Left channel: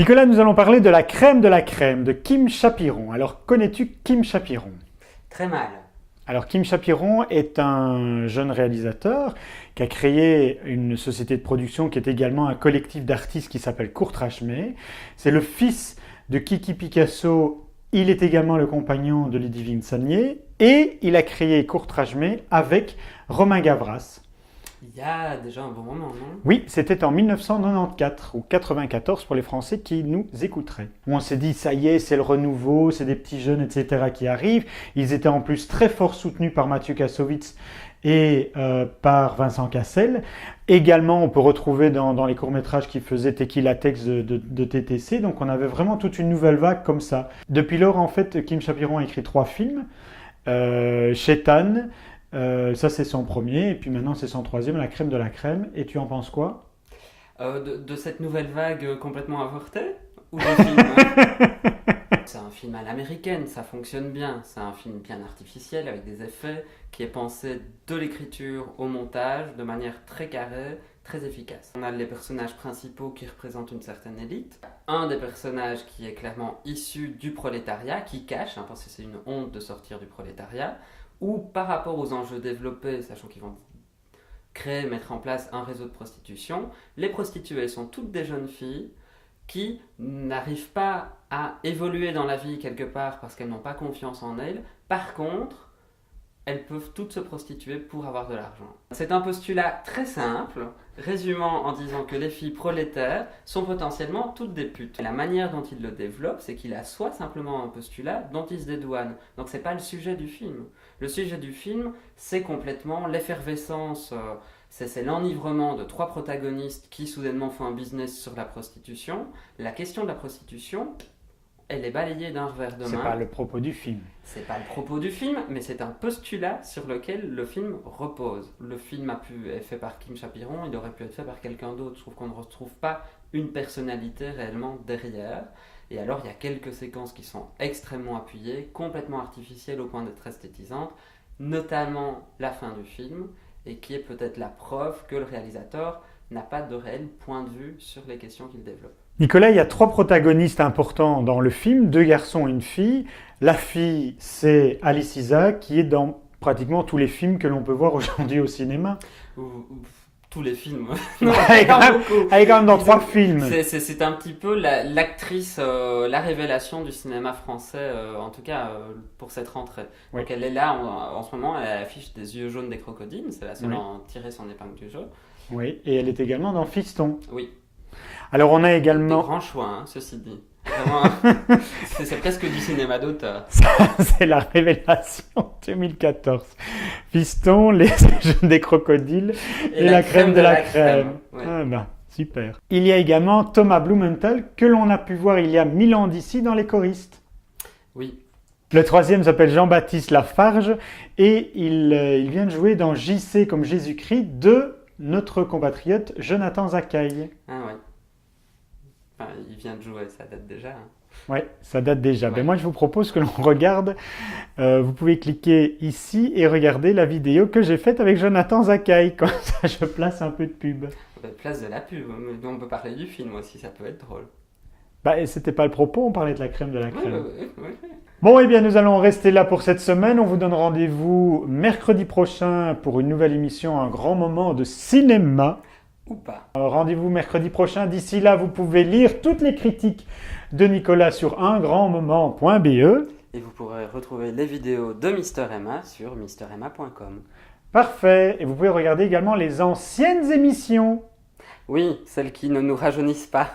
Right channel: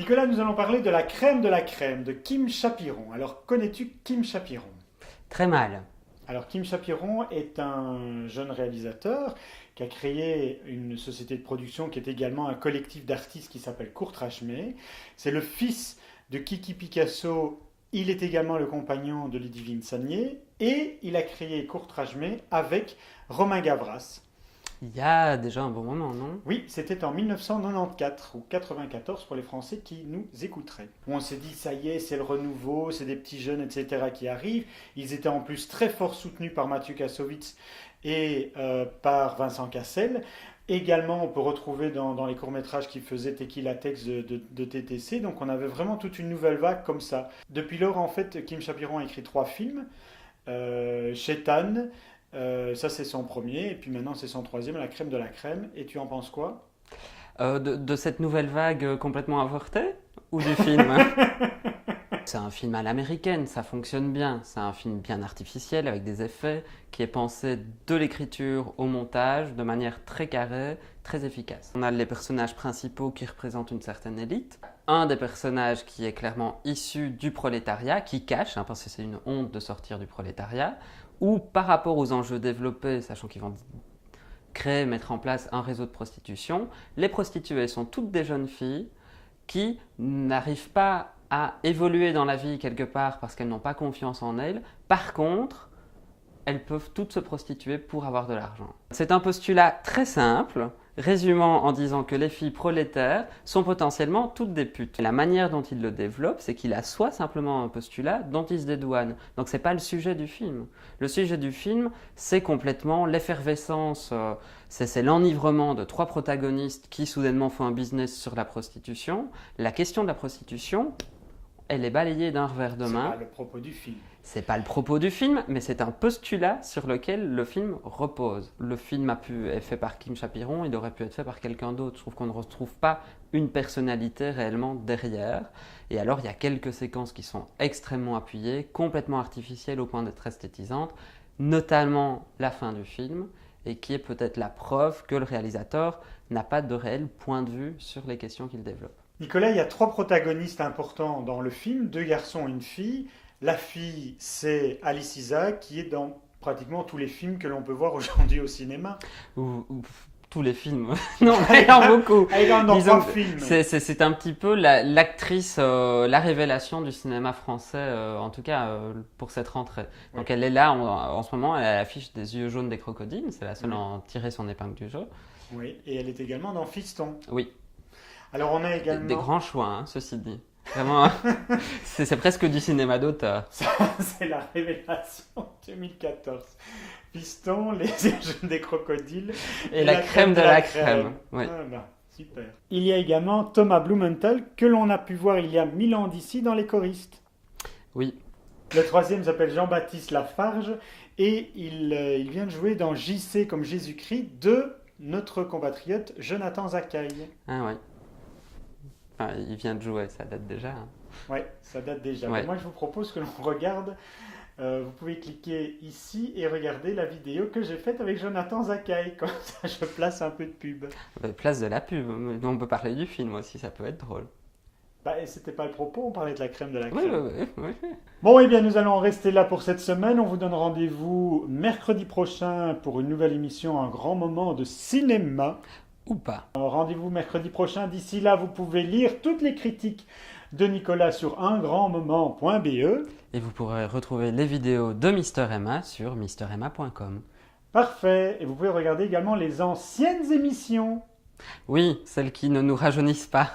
Nicolas, nous allons parler de la crème de Kim Chapiron. Alors, connais-tu Kim Chapiron? Très mal. Alors, Kim Chapiron est un jeune réalisateur qui a créé une société de production qui est également un collectif d'artistes qui s'appelle Courtrajmé. C'est le fils de Kiki Picasso. Il est également le compagnon de Ludivine Sagnier et il a créé Courtrajmé avec Romain Gavras. Il y a déjà un bon moment, non? Oui, c'était en 1994 ou 94 pour les Français qui nous écouteraient. On s'est dit, ça y est, c'est le renouveau, c'est des petits jeunes, etc. qui arrivent. Ils étaient en plus très fort soutenus par Mathieu Kassovitz et par Vincent Cassel. Également, on peut retrouver dans les courts-métrages qu'il faisait Tequila Tex de TTC. Donc, on avait vraiment toute une nouvelle vague comme ça. Depuis lors, en fait, Kim Chapiron a écrit 3 films. Chétan, ça c'est son premier, et puis maintenant c'est son troisième, La crème de la crème. Et tu en penses quoi? De cette nouvelle vague complètement avortée? Ou du film? C'est un film à l'américaine, ça fonctionne bien. C'est un film bien artificiel, avec des effets, qui est pensé de l'écriture au montage, de manière très carrée, très efficace. On a les personnages principaux qui représentent une certaine élite. Un des personnages qui est clairement issu du prolétariat, qui cache, parce que c'est une honte de sortir du prolétariat, ou par rapport aux enjeux développés, sachant qu'ils vont mettre en place un réseau de prostitution, les prostituées sont toutes des jeunes filles qui n'arrivent pas à évoluer dans la vie quelque part parce qu'elles n'ont pas confiance en elles. Par contre, elles peuvent toutes se prostituer pour avoir de l'argent. C'est un postulat très simple, résumant en disant que les filles prolétaires sont potentiellement toutes des putes. Et la manière dont il le développe, c'est qu'il assoit simplement un postulat dont il se dédouane. Donc c'est pas le sujet du film. Le sujet du film, c'est complètement l'effervescence, c'est l'enivrement de 3 protagonistes qui soudainement font un business sur la prostitution. La question de la prostitution, elle est balayée d'un revers de main. C'est pas le propos du film. C'est pas le propos du film, mais c'est un postulat sur lequel le film repose. Le film est fait par Kim Chapiron, il aurait pu être fait par quelqu'un d'autre. Je trouve qu'on ne retrouve pas une personnalité réellement derrière. Et alors, il y a quelques séquences qui sont extrêmement appuyées, complètement artificielles au point d'être esthétisantes, notamment la fin du film, et qui est peut-être la preuve que le réalisateur n'a pas de réel point de vue sur les questions qu'il développe. Nicolas, il y a 3 protagonistes importants dans le film, 2 garçons et une fille. La fille, c'est Alice Isaac, qui est dans pratiquement tous les films que l'on peut voir aujourd'hui au cinéma. Ou tous les films. Non, elle est quand même dans Disons 3 films. C'est un petit peu l'actrice, la révélation du cinéma français, en tout cas pour cette rentrée. Oui. Donc elle est là en ce moment, elle affiche des yeux jaunes des crocodiles, c'est la seule Oui. à en tirer son épingle du jeu. Oui, et elle est également dans Fiston. Oui, Alors on a des également... grands choix, hein, ceci dit. Vraiment, c'est presque du cinéma d'auteur. Ça, c'est la révélation 2014. Fiston, les jeunes des crocodiles Et la crème de la crème. Oui. Ah ben, super. Il y a également Thomas Blumenthal, que l'on a pu voir il y a 1000 ans d'ici dans Les Choristes. Oui. Le troisième s'appelle Jean-Baptiste Lafarge et il vient de jouer dans JC comme Jésus-Christ de notre compatriote Jonathan Zakaï. Ah ouais. Enfin, il vient de jouer, ça date déjà. Hein. Ouais, ça date déjà. Ouais. Mais moi, je vous propose que l'on regarde. Vous pouvez cliquer ici et regarder la vidéo que j'ai faite avec Jonathan Zakaï. Comme ça, je place un peu de pub. Place de la pub, mais on peut parler du film aussi, ça peut être drôle. Bah, c'était pas le propos, on parlait de la crème de la crème. Oui. Bon, eh bien, nous allons rester là pour cette semaine. On vous donne rendez-vous mercredi prochain pour une nouvelle émission, un grand moment de cinéma. Ou pas. Rendez-vous mercredi prochain. D'ici là, vous pouvez lire toutes les critiques de Nicolas sur ungrandmoment.be. Et vous pourrez retrouver les vidéos de Mister Emma sur misteremma.com. Parfait. Et vous pouvez regarder également les anciennes émissions. Oui, celles qui ne nous rajeunissent pas.